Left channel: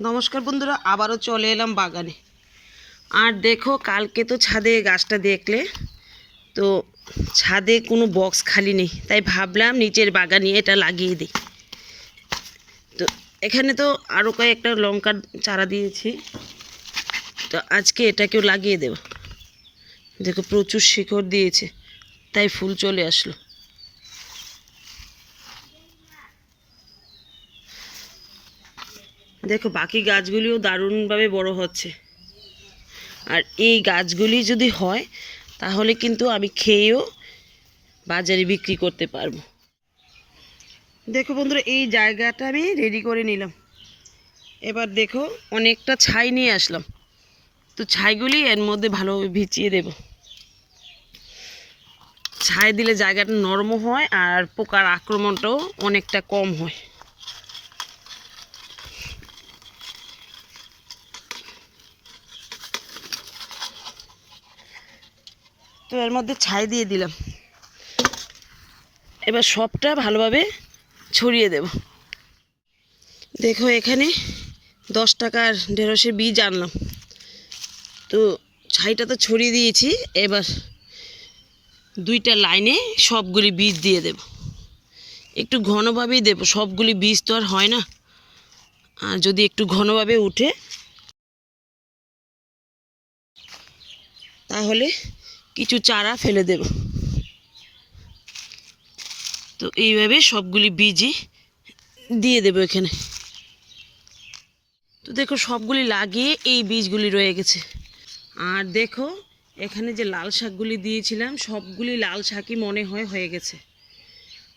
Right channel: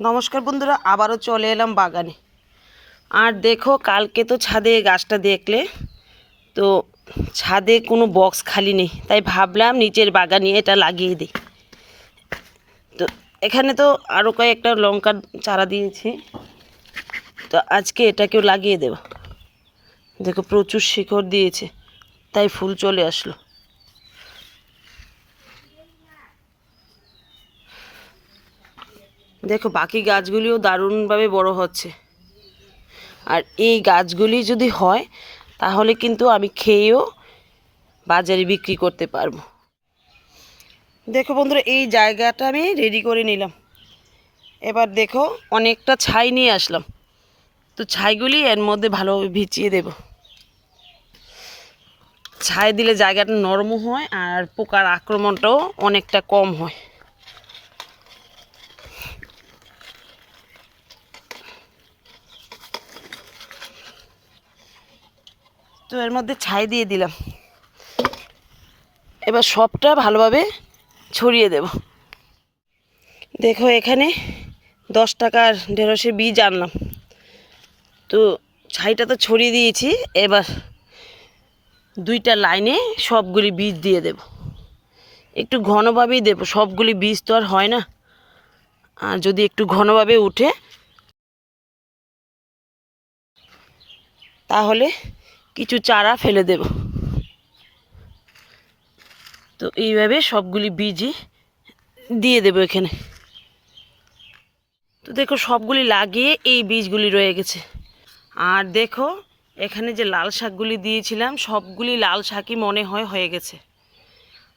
নমস্কার বন্ধুরা, আবারও চলে এলাম বাগানে। আর দেখো, কালকে তো ছাদে গাছটা দেখলে, তো ছাদে কোনো বক্স খালি নেই। তাই ভাবলাম নিচের বাগানে এটা লাগিয়ে দিই। তো এখানে তো আরও কয়েকটা লঙ্কার চারা দিয়েছি। তো আজকে এটাকেও লাগিয়ে দেব। দেখো, প্রচুর শিকড় দিয়েছে, তাই ফুল চলে আসলো। দেখো, বাকি গাছগুলিও দারুণভাবে বড় হচ্ছে। আর এই গাছগুলি যদি হয়, তাহলে কিন্তু আমি খেয়েও বাজারে বিক্রি করতে পারব। দেখো বন্ধুরা, এই জায়গাটা আমি রেডি করে নিলাম। এবার দেখো, অনেকটা ছাই নিয়ে আসলাম। তো ছাইগুলি এর মধ্যে ভালোভাবে ভিজিয়ে দেব। ছাই দিলে জায়গাটা নরমও হয় আর পোকার আক্রমণটাও অনেকটা কম হয়। এর মধ্যে ছাই দিয়ে দিলাম। এবার সবটা ভালোভাবে ছড়িয়ে দেব। দেখো এখানে দশ টাকার ঢেঁড়সের বীজ আনলাম। তো ছাইটা তো ছড়িয়ে দিয়েছি, এবার দুইটা লাইনে সবগুলি বীজ দিয়ে দেব। একটু ঘনভাবেই দেব, সবগুলি বীজ তো আর হয় না। আর যদি একটু ঘনভাবে উঠে, তাহলে কিছু চারা ফেলে দেব। তো এইভাবে সবগুলি বীজই দিয়ে দেবো এখানে। তো দেখো সবগুলি লাগিয়ে এই বীজগুলি রয়ে গেছে। আর দেখো, এখানে যে লাল শাকগুলি দিয়েছিলাম, সবগুলি লাল শাকই মনে হয় হয়ে গেছে।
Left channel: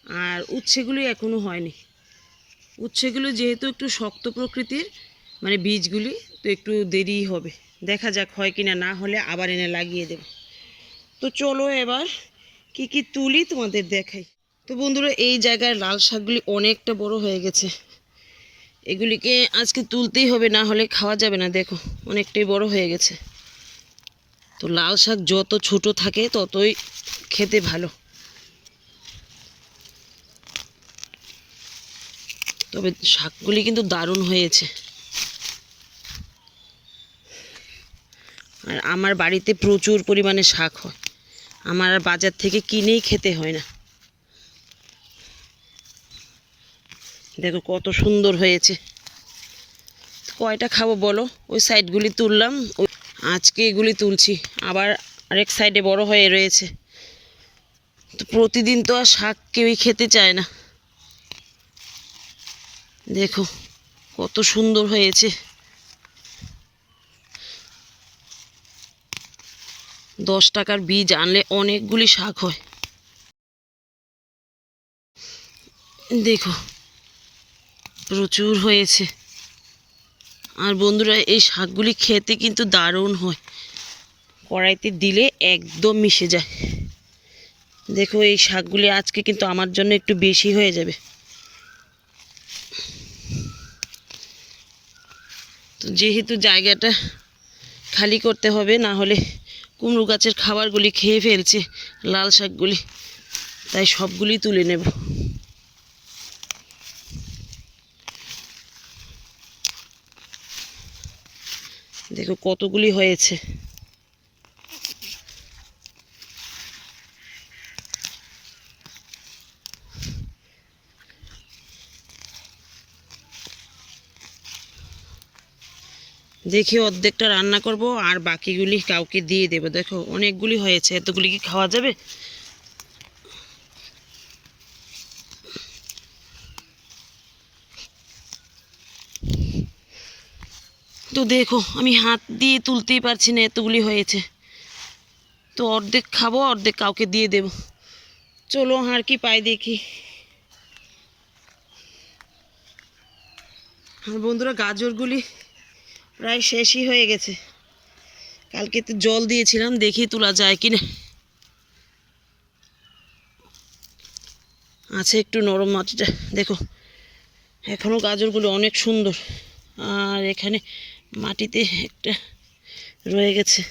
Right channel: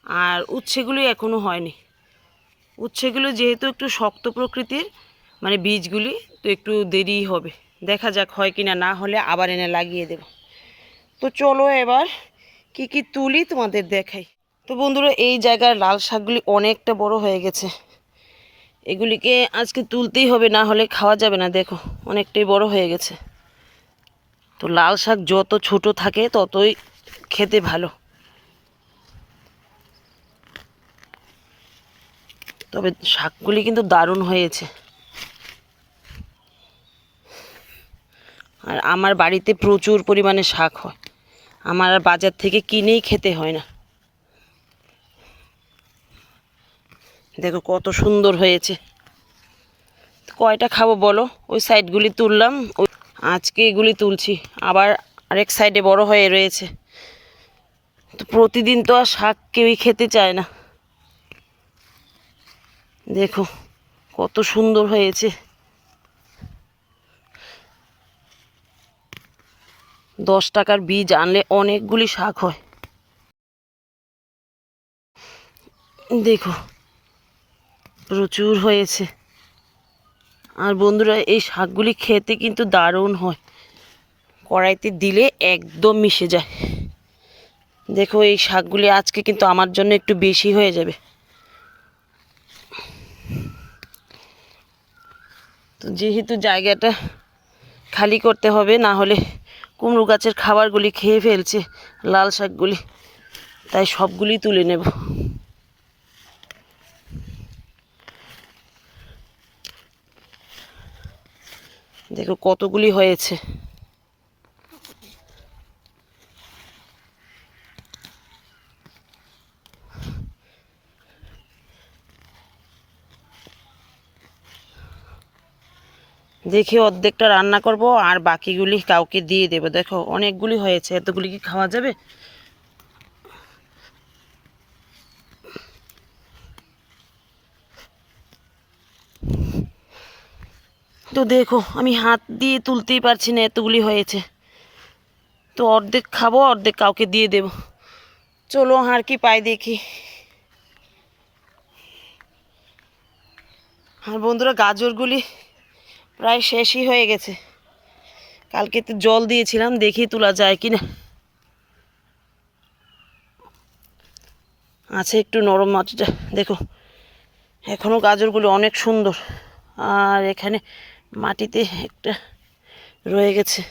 আর উচ্ছেগুলি এখনও হয়নি। উচ্ছেগুলো যেহেতু একটু শক্ত প্রকৃতির মানে বীজগুলি, তো একটু দেরি হবে। দেখা যাক হয় কিনা, না হলে আবার এনে লাগিয়ে দেব। তো চলো এবার কি কি তুলি তোমাদের দেখাই। তো বন্ধুরা, এই জায়গার লাল শাকগুলি অনেকটা বড় হয়ে গেছে। এগুলিকে আজকে তুলতেই হবে, না হলে খাওয়া যাবে না, দেখো, অনেকটাই বড় হয়ে গেছে। তো লাল শাক যত ছোট থাকে, ততই খেতে ভালো। তবে শাকগুলি কিন্তু দারুণ হয়েছে। আর আমার বাড়িতে প্রচুর পরিমাণে শাক হয়। আমার আর বাজার থেকে কিনেই খেতে হয় না। দেখো কত সুন্দর হয়েছে। কয়টা খাব বলো? ওই সাইডগুলি তুললাম। ওই আজকে এগুলি তুলছি। আবার আরেক সাইডে বড় হয়ে রয়েছে। তো প্রতিদিন তো আর শাক কেউই খেতে চায় না। দেখো কত সুন্দর হয়েছে। দশ টাকার বীজ আনলে অনেকগুলি শাক হয়। দেখো, প্রচুর হয়েছে। আর বন্ধুরা, এই শাকগুলি খেতে কিন্তু দারুণ হয়। কড়াইতে দিলে একদম মিশে যায়। দেখো, এই শাকগুলি আজকে কিন্তু আমার জন্য একটু বেশি হয়ে যাবে। তো যেহেতু জায়গাটা খালি করতে হবে, না হলে কুমড়ো গাছের খাবারগুলি খেয়ে ফেলছে লাল শাকগুলি। তাই সবগুলি তুলে নেব। দেখো কতগুলি হয়েছে। দেখি অর্ধেকটা রান্না করব, আর বাকিগুলি কাউকে দিয়ে দেবো। দেখো, অনেকগুলি হয়েছে। এতগুলি কি খাওয়া যাবে? তো দেখো, আমি হাত দিয়ে তুলতেই পারছি না, এতগুলি হয়েছে। তো অর্ধেক খাব, অর্ধেক কাউকে দিয়ে দেব। চলো, আর কি পাই দেখি। আর বন্ধুরা, গাজরগুলি প্রায় শেষই হয়ে গেছে। কালকে তো জল দিয়েছিলাম, দেখি তোলা যায় কি না আছে একটু নরম মাছটা দেখো। এখনও গাজরগুলো অনেক সুন্দর। আর এখানে মাটিতে একটা রয়ে গেছে।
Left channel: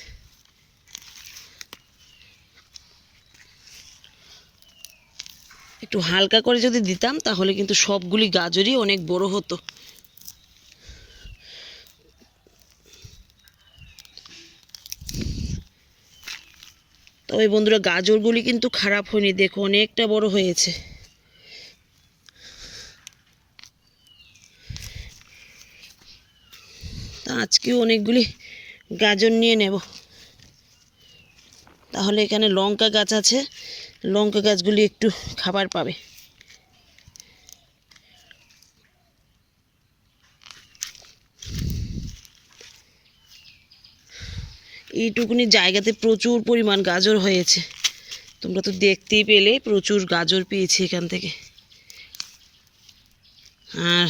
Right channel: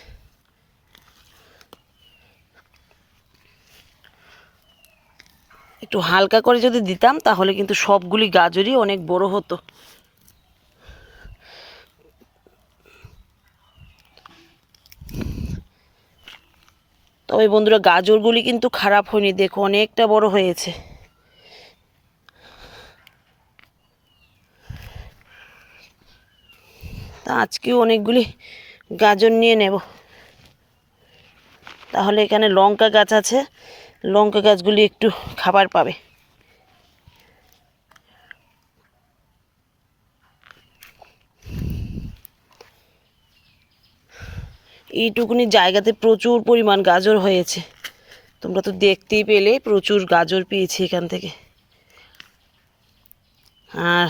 একটু হালকা করে যদি দিতাম, তাহলে কিন্তু সবগুলি গাজরই অনেক বড় হতো। তবে বন্ধুরা, গাজরগুলি কিন্তু খারাপ হয়নি। দেখো, অনেকটা বড় হয়েছে। তা আজকেও অনেকগুলি গাজর নিয়ে নেব। তাহলে এখানে লঙ্কা গাছ আছে। লঙ্কা গাছগুলি একটু খাবার পাবে। এইটুকুনি জায়গাতে প্রচুর পরিমাণ গাজর হয়েছে। তোমরা তো দেখতেই পেলে প্রচুর গাজর পেয়েছি এখান থেকে। আর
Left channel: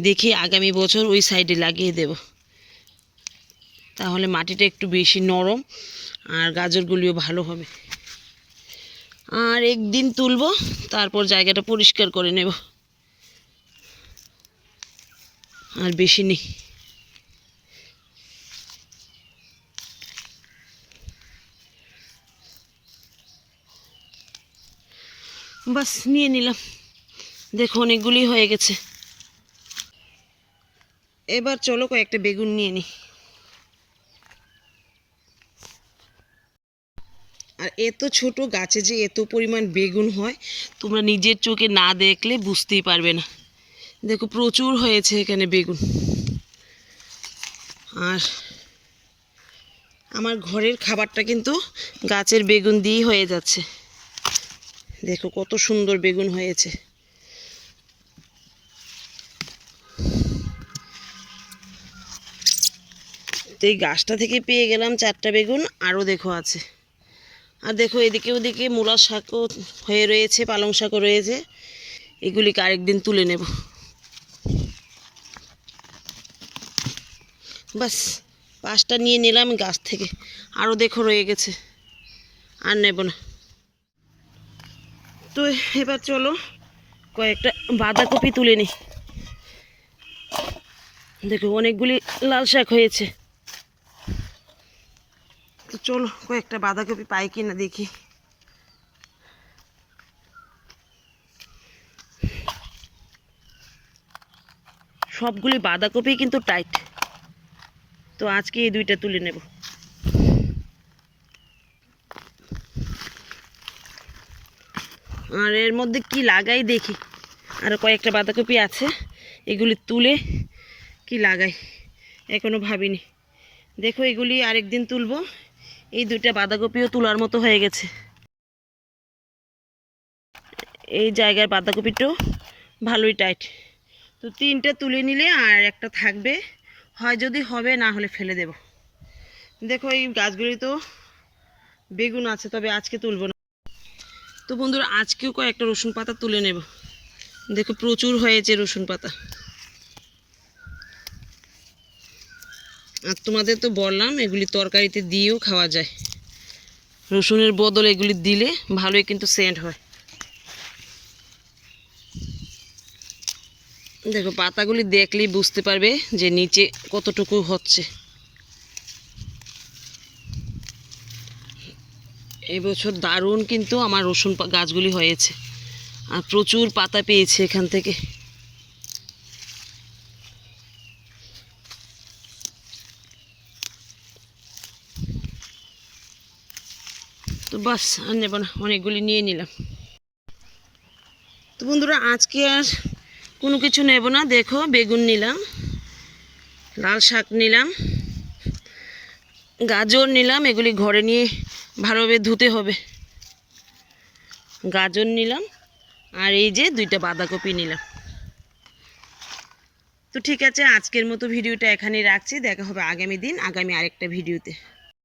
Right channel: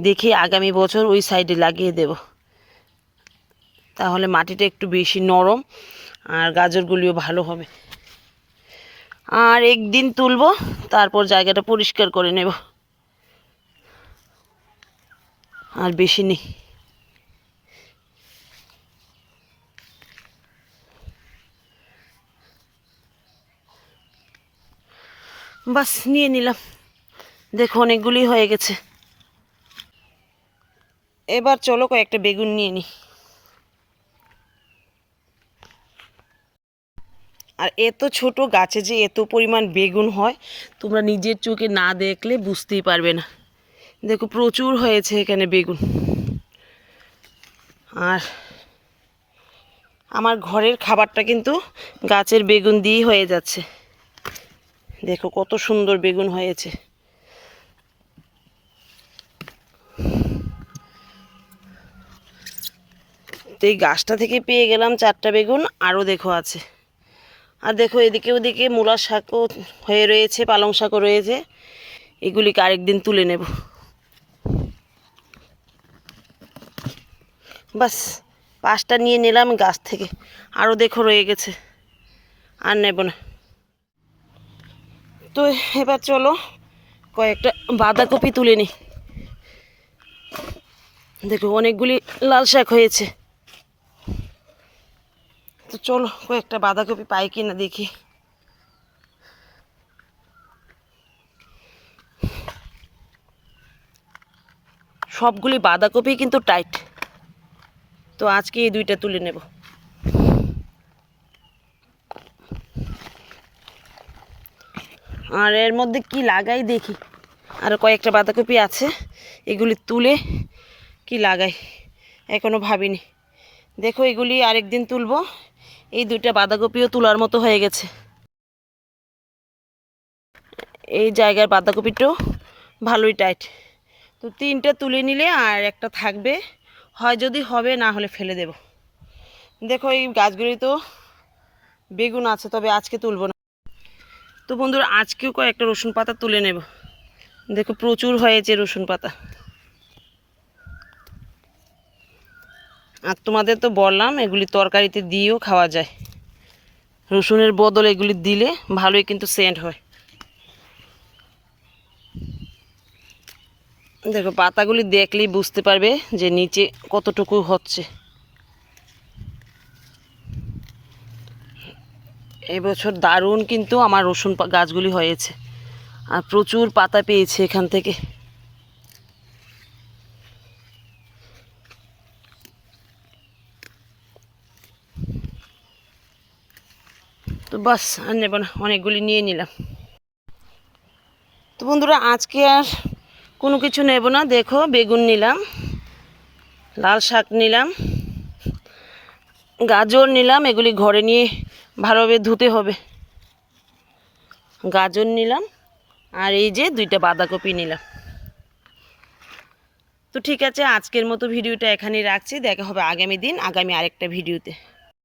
দেখি আগামী বছর ওই সাইডে লাগিয়ে দেব। তাহলে মাটিটা একটু বেশি নরম আর গাজরগুলিও ভালো হবে। আর একদিন তুলবো, তারপর জায়গাটা পরিষ্কার করে নেব। আর বেশি নেই। বাস, নিয়ে নিলাম। দেখো, অনেকগুলি হয়ে গেছে। এবার চলো কয়েকটা বেগুন নিয়ে নিই আর এত ছোট গাছে যে এত পরিমাণ বেগুন হয়, তোমরা নিজের চোখে না দেখলে বুঝতেই পারবে না। দেখো, প্রচুর হয়েছে এখানে বেগুন। আর আমার ঘরের খাবারটা কিন্তু গাছের বেগুন দিয়েই হয়ে যাচ্ছে। দেখো কত সুন্দর বেগুন হয়েছে। তো এই গাছটা থেকে পেয়ে গেলাম চারটা বেগুন, আরও দেখো আছে। আর দেখো এদিকে ওদিকে মূলা শাকও হয়ে রয়েছে, পালং শাকও রয়েছে। এগুলিকে আরেকদিন তুলে নেব। বাস, পাঁচটা নিয়ে নিলাম গাছ থেকে। আরও দেখো রয়ে গেছে। আর নেব না। তো এবার চলো কয়েকটা বাঁধাকপি তুলে নিই দেখো, অনেকগুলি লাল শাক হয়েছে। তো চলো কয়েকটা বাঁধাকপি পাই কিনা দেখি। সবগুলি বাঁধাকপি কিন্তু টাইট। তো আজকে এই দুইটা তুলে নেব। আর এর মধ্যে কি লাগাই দেখি। আর কয়েকটা বাঁধাকপি আছে, এগুলি তুলে কি লাগাই? এখনও ভাবিনি। দেখো, এগুলি আরেকদিন তুলবো। এই দুইটা বাঁধাকপিও তোলার মতো হয়ে গেছে। এই জায়গার বাঁধাকপিটাও ভালোই টাইট তো তিনটা তুলে নিলে আর একটা থাকবে। হয় যদি হবে, না হলে ফেলে দেব। দেখো, এই গাছগুলি তো বেগুন আছে, তবে আজকে তুলবো না। তো বন্ধুরা, আজকেও কয়েকটা রসুন পাতা তুলে নেব। দেখো, প্রচুর হয়েছে রসুন পাতা। আর তোমাদের তো বললাম, এগুলি তরকারিতে দিয়েও খাওয়া যায়। রসুনের বদল এগুলি দিলে ভালোই কিন্তু সেন্ট হয়। দেখো, পাতাগুলি দেখলেই বুঝতে পারবে যে নিচে কতটুকু হচ্ছে। এবছর দারুণ কিন্তু আমার রসুন গাছগুলি হয়েছে। আর প্রচুর পাতা পেয়েছে এখান থেকে। তো বাস, আর নেব না, অনেকগুলি নিয়ে নিলাম। তো বন্ধুরা, আজকে আর কোনো কিছু নেব না। দেখো, বেগুন নিলাম, লাল শাক নিলাম, গাজর নিলাম, এগুলি ঘরে নিয়ে ভালোভাবে ধুতে হবে। গাজর নিলাম আর এই যে দুইটা বাঁধাকপি নিলাম। তো ঠিক আছে, আজকের মতো ভিডিওটা এখানেই রাখছি। দেখা হবে আগামী দিন, আগামী আরেকটা ভিডিওতে।